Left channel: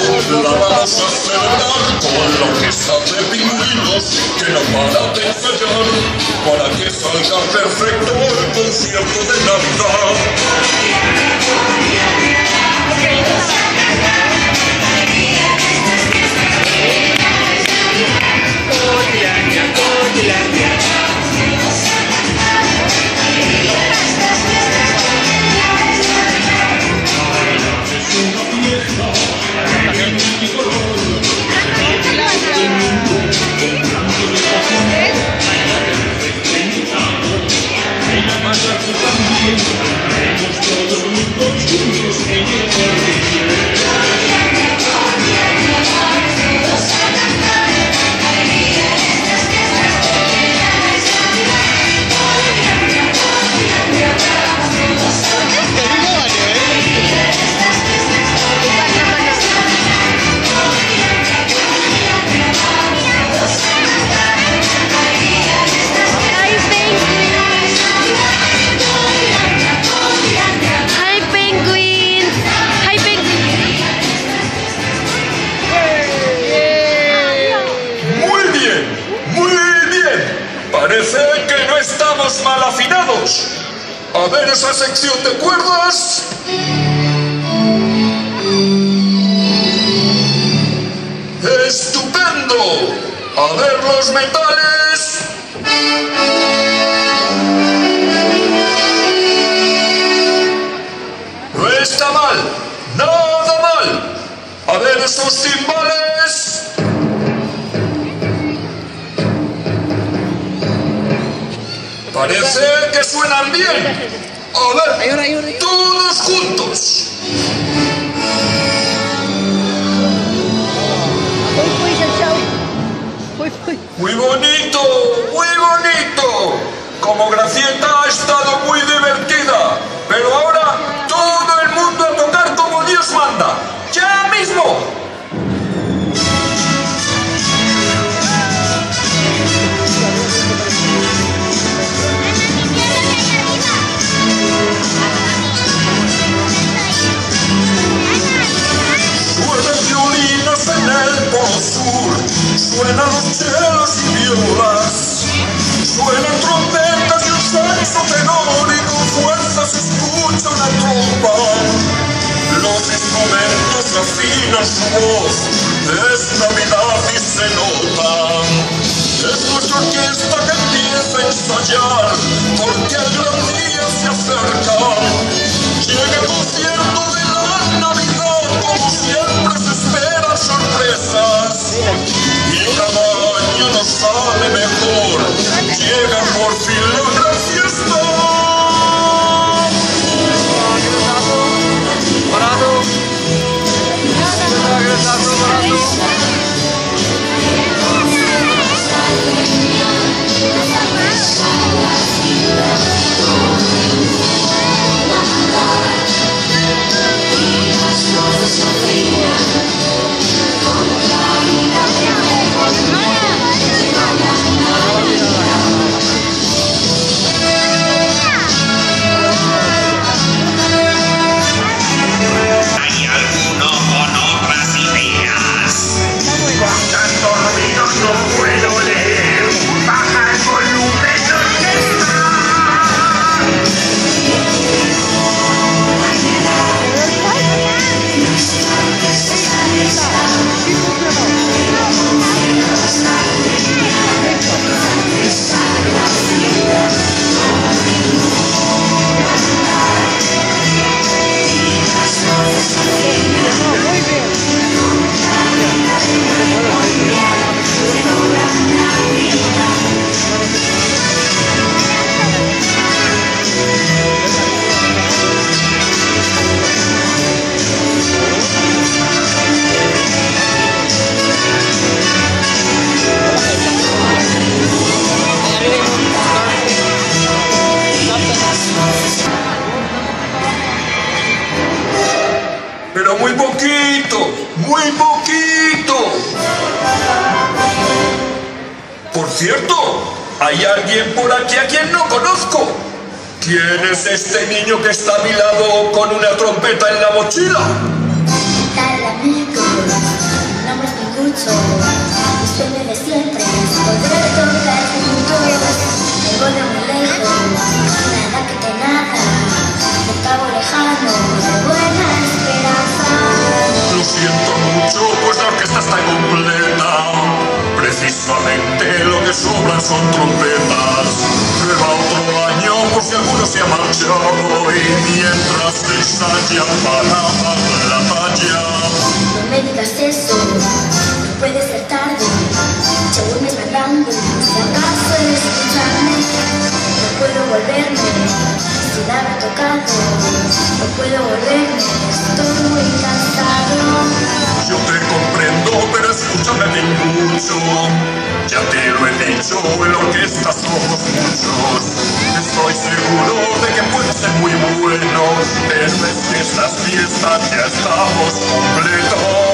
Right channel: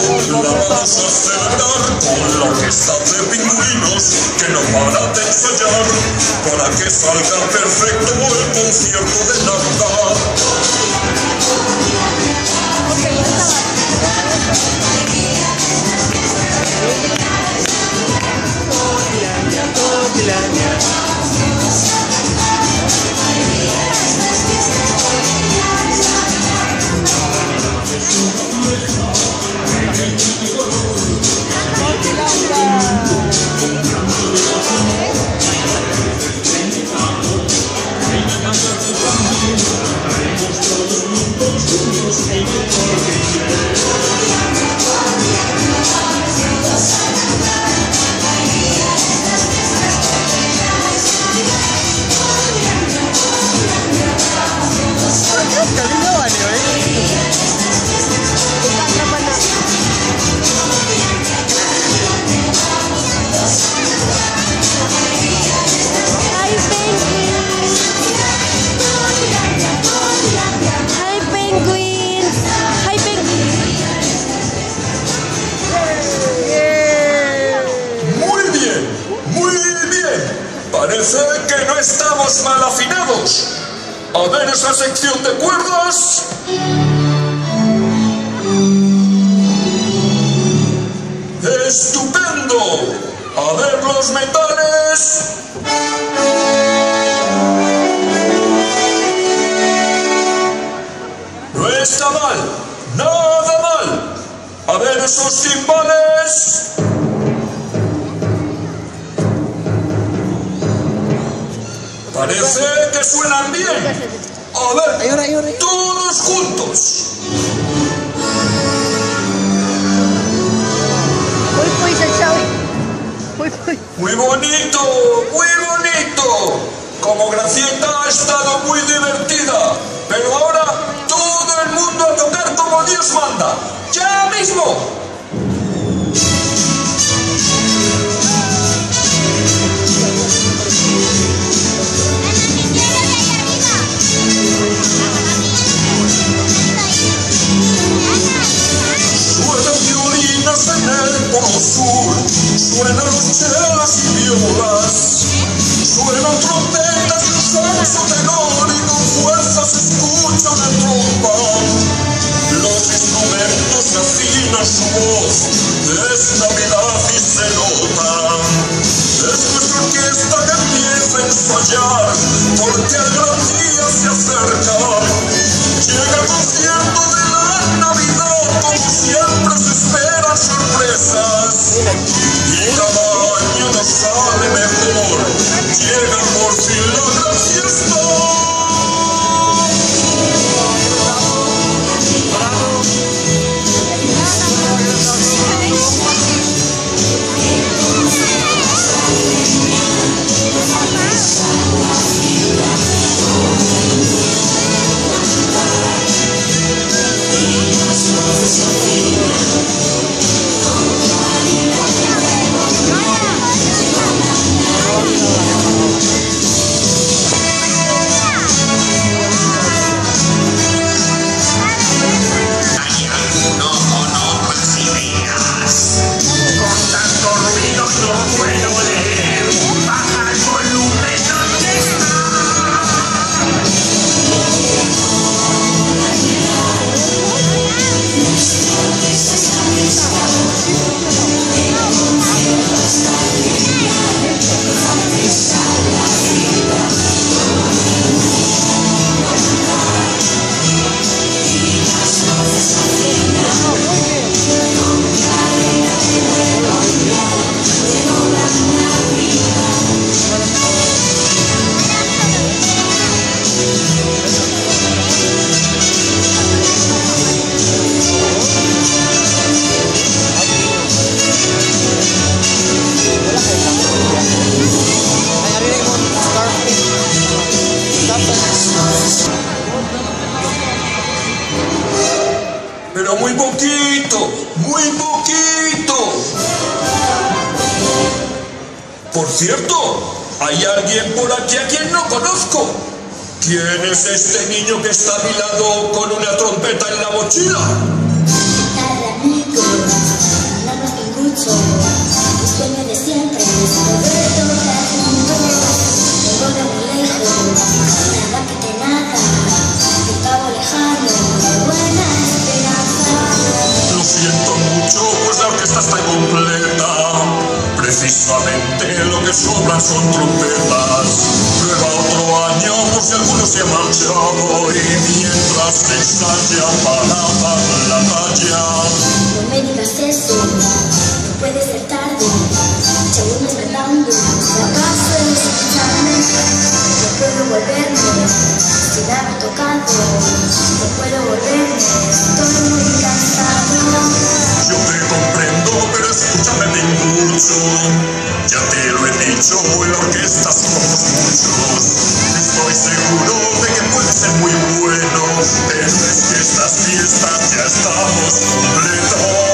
La vamos a celebrar con la orquesta de pingüinos que no para de ensayar para que salga perfecto el concierto de Navidad. Parece que no estamos mal afinados. A ver esa sección de cuerdas. ¡Estupendo! A ver los metales. No está mal, nada mal. A ver esos timbales. Parece que suenan bien. A ver, todos juntos. Muy bonito, muy bonito. Como Gracieta ha estado muy divertida. Pero ahora todo el mundo a tocar como Dios manda. ¡Ya mismo! En el Polo Sur suenan los chelos y violas, suenan trompetas y un saxo tenor y con fuerza se escucha una trompa. Los instrumentos afinan su voz, es Navidad y se nota. Es nuestra orquesta que empieza a ensayar porque el gran día se acerca. Llega el concierto de la Navidad, como siempre se esperan sorpresas y cada año nos sale mejor. Llega por fin la gran fiesta. Pero muy poquito, muy poquito. Por cierto, hay alguien por aquí a quien no conozco. ¿Quién es este niño que está a mi lado con una trompeta en la mochila? ¿Qué tal, amigos? mucho, pues la orquesta está incompleta. Precisamente lo que sobran son trompetas. Prueba otro año por si alguno se ha marchado y mientras te ensayan para dar la talla. No me digas eso, no puede ser tarde. Si aún me estás dando, si acaso es escucharme, no puedo volverme sin haber tocado. No puedo volverme, estoy muy cansado. Yo te comprendo, pero escúchame bien mucho. Ya te lo he dicho, en la orquesta somos muchos. Estoy seguro de que puede ser muy bueno, pero es que estas fiestas ya estamos completos.